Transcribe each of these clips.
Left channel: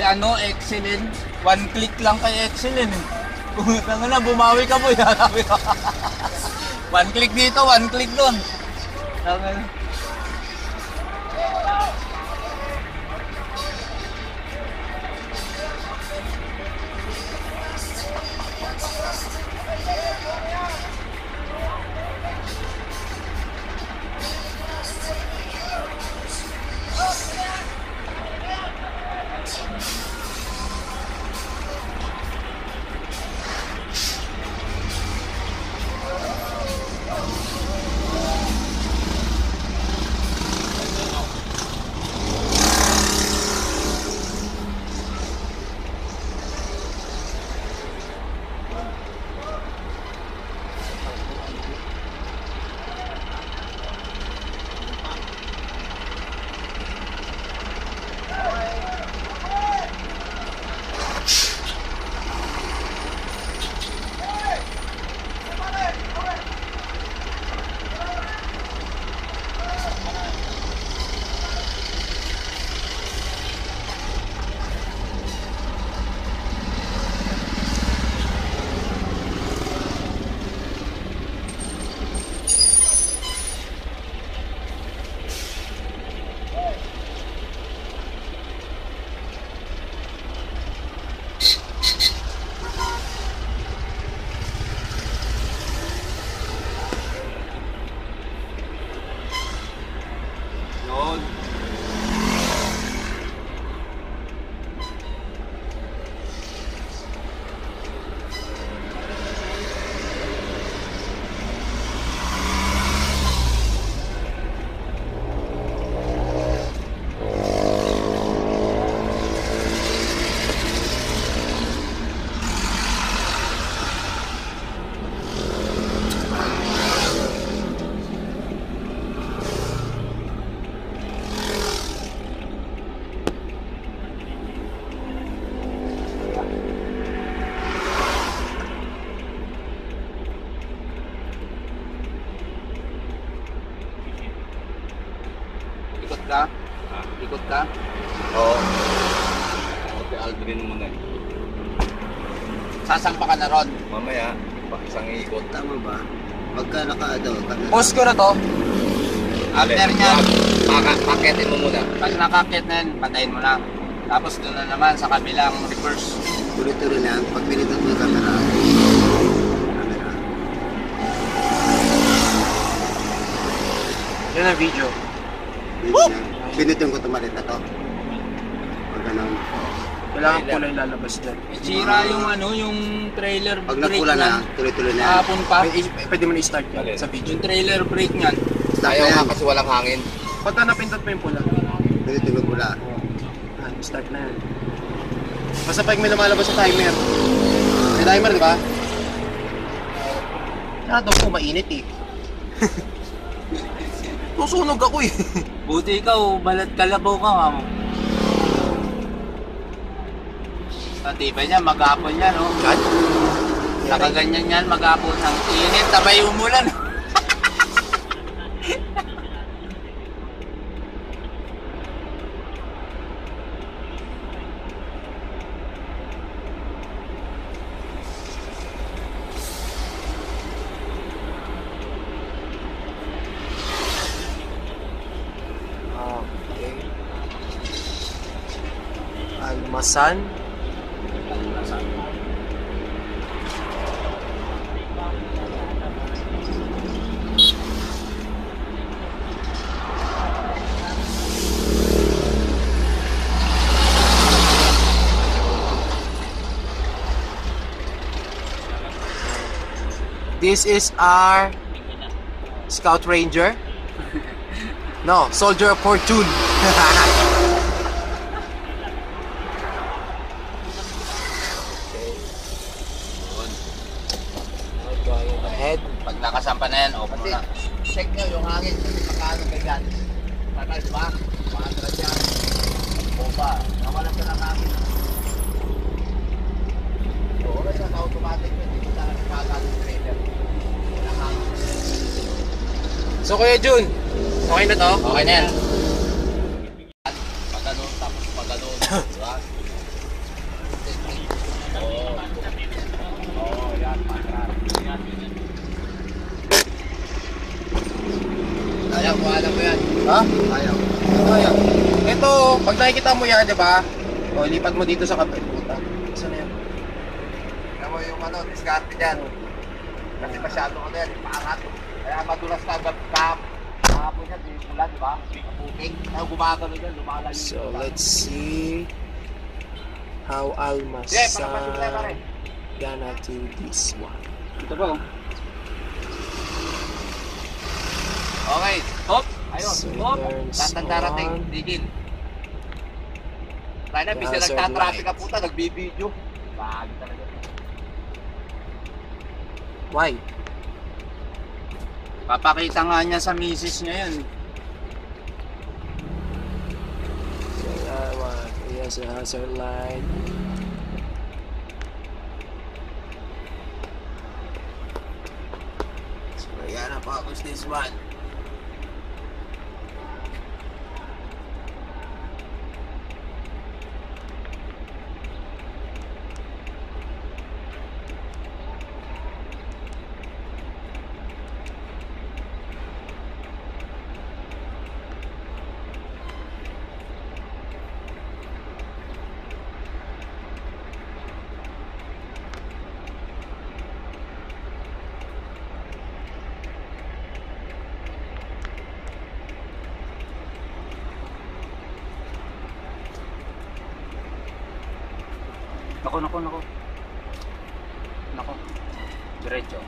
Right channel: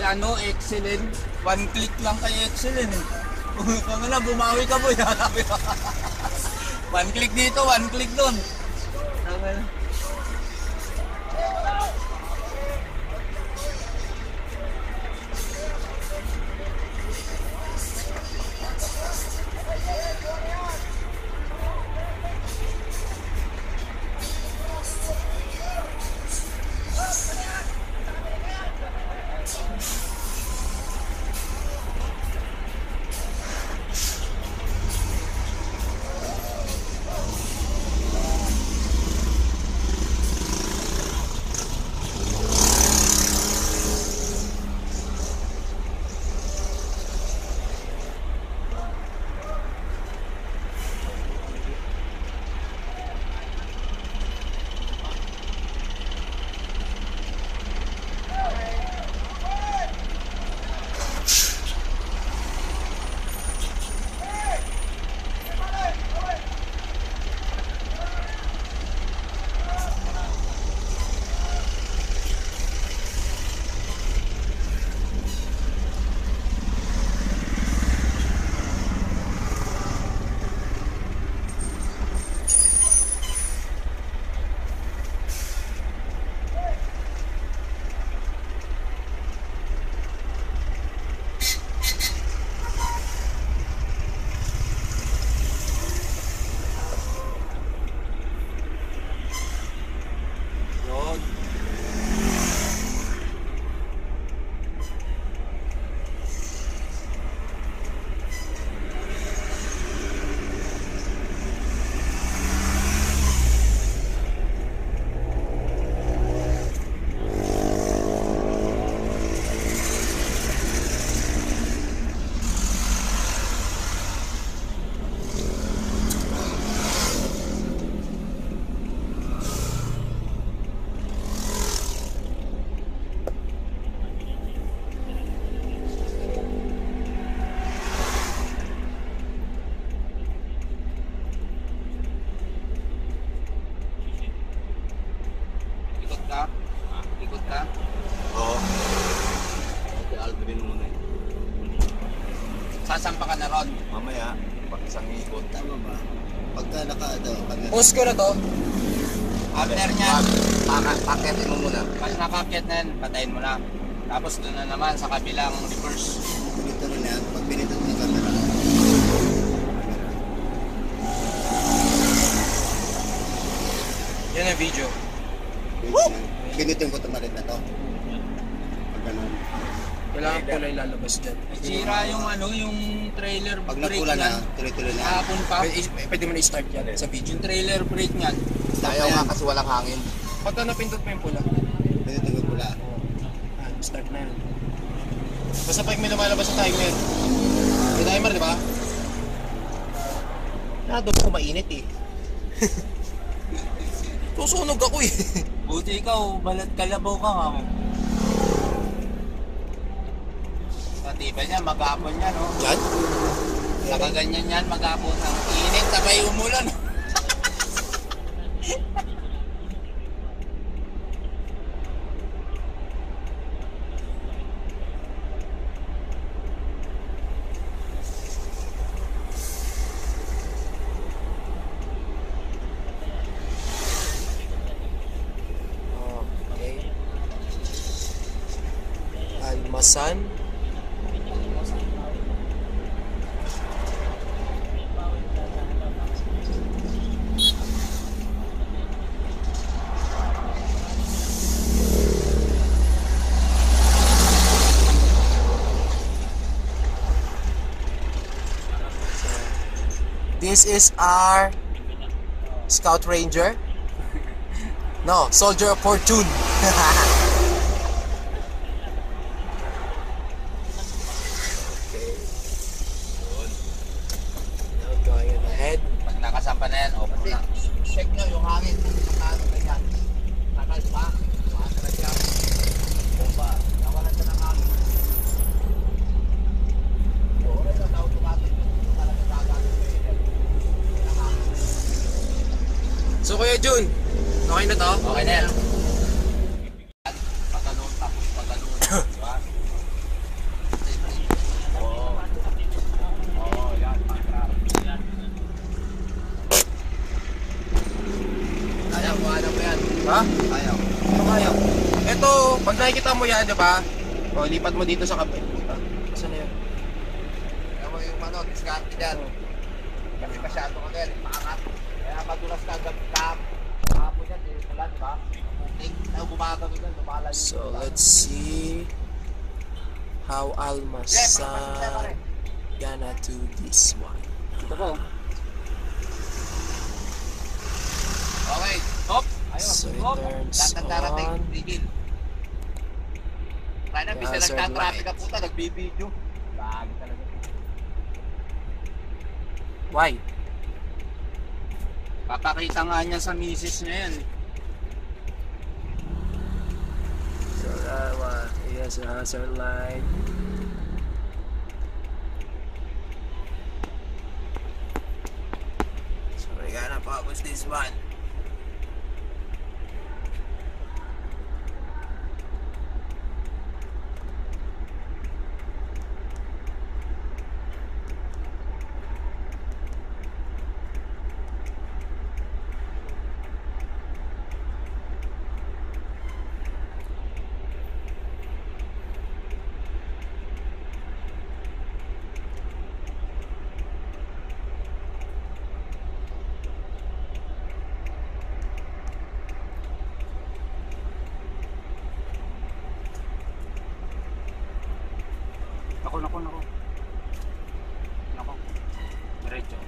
Si ano, excellent. One click lang kay excellent eh. Pumunta nga na, bumawi ka boy. One click dito, one click doon. Okay. Ikot ka? Oo. Okay, Aldrin mo na eh. Sasampa ka na ron. Mamaya, isang ikot. Tama ba? Pagka camera. Pause ko na to. After nyan, Paketin mo muna. pag nakakit na yan, patayin mo na. Tapos doon na naman sa kabilang reverse. Tuloy-tuloy na. Pag pinitan mo yung camera. Yun ang video. Pinutin ko tumalit na to. Pag ganun. Kailangan kulay lalabas dyan. Sira yung ano, yung trailer Pag brake napula na, niyan. tuloy-tuloy na. Hapon pa. Pwede mo na-start yan sa video. Yung trailer brake niyan. Ayaw nga kasi walang hangin. Pagka napindot mo yung pula. Pinutin ko pula. Start na yan. Basta pag may lumalabas sa timer. May timer, di ba? Nado ko, mainit eh. Susunog ako eh. Buti ikaw, balat kalabaw ka nga mo. Patibay niya, maghapon yan, no? Yan? Nakaganyan yan, maghapon ng init, sabay umulan. Okay. Almasan. This is our Scout Ranger. No, Soldier of Fortune. Going ahead. Pag nakasampa na yan, open mo na. Check nyo yung hangin kasi pagkaano kay God. Tagal, di ba? Maatras yan. Bomba. Nawalan ka ng hangin. Oo, kasi automatic yun. Hindi talaga kagaling trailer. Walang hangin. So Kuya Jun, okay na to? Okay na yan. Paganoon tapos paganoon. Diba? kuhanan mo yan. Ha? Ayaw. Ano kaya? Ito, pag nakikita mo yan, di ba? O, lipat mo dito sa kape. Saan na yun? Kaya mo yung ano, diskarte dyan. Kasi masyado ano yan, ipaangat. Kaya madulas ka agad kahapon yan, yung pula, di ba? Kapuking. Kaya gumagano yan, lumalayo. So, let's see how Almasay gonna do this one. Ito ba? Okay. Hop! Ayun. So, it Hop. turns Lahat ng darating, on. digil. Tayo na, bisa Hazard nagtatraffic ka lights. puta, nagbibideo. Lagi talaga. Why? Papakita nga niya sa misis niya yan. So, that one. Here's a hazard light. So, we're gonna focus this one. Nako. Nako. Diretso.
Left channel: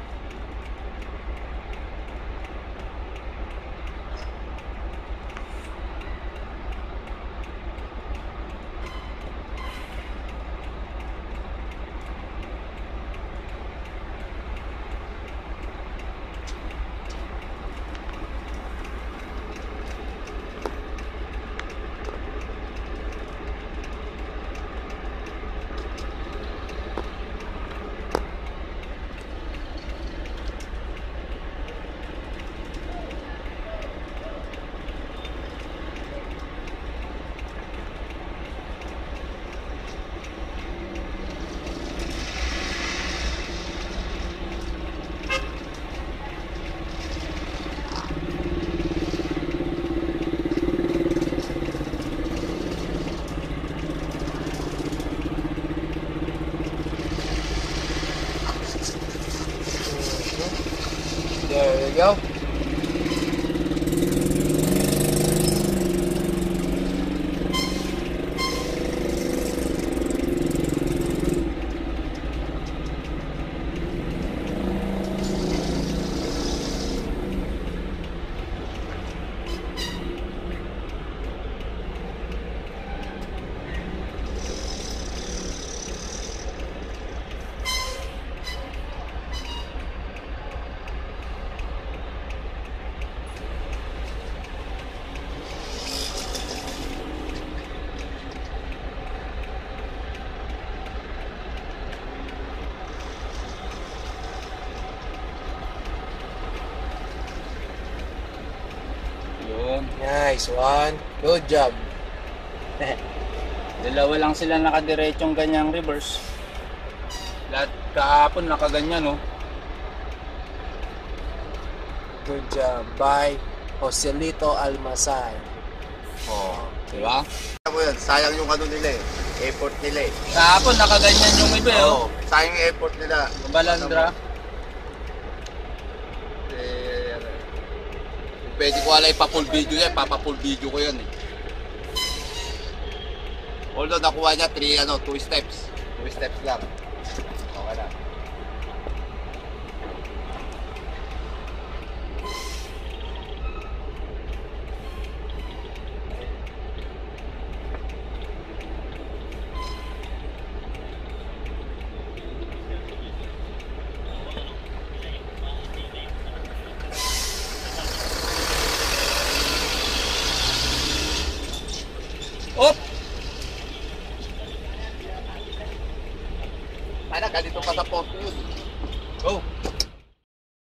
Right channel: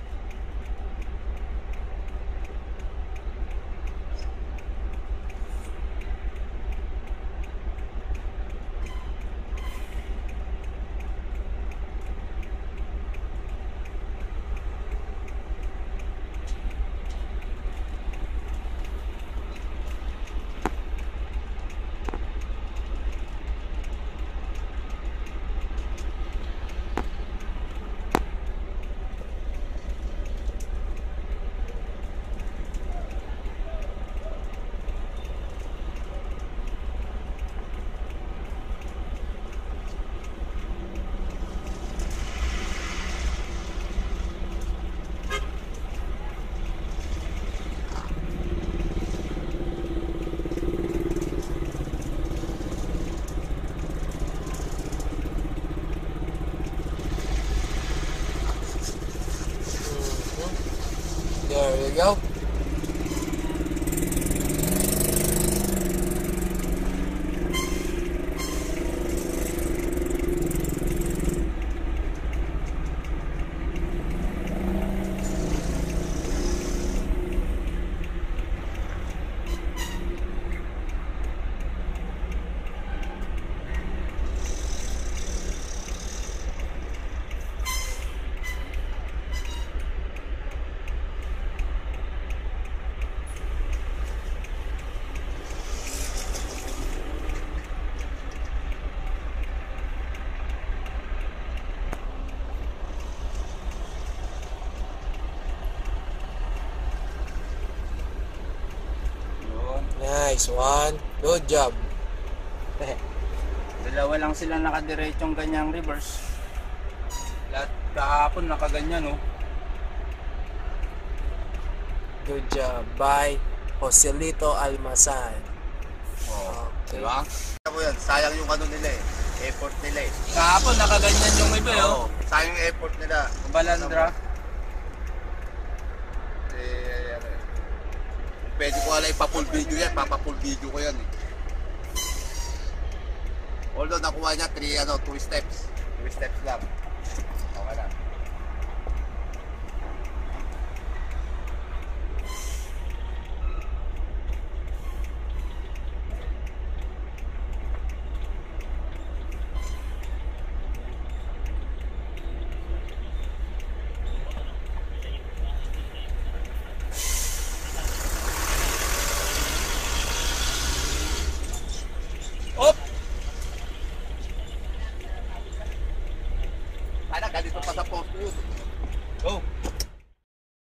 There you go. Yun. Nice one. Good job. Dalawa lang sila nakadiretsyong ganyang reverse. Lahat kahapon nakaganyan, no? Good job. By Joselito Almasay. Oh, Okay. di ba? Ano yan, sayang yung ano nila eh. Effort nila eh. Kahapon nakaganyan yung iba, oh. Oo, sayang yung effort nila. Balandra. Ano eh. Pwede ko alay pa-full video yan, papa-full video ko yan eh. Although nakuha niya 2 steps. 2 steps lang.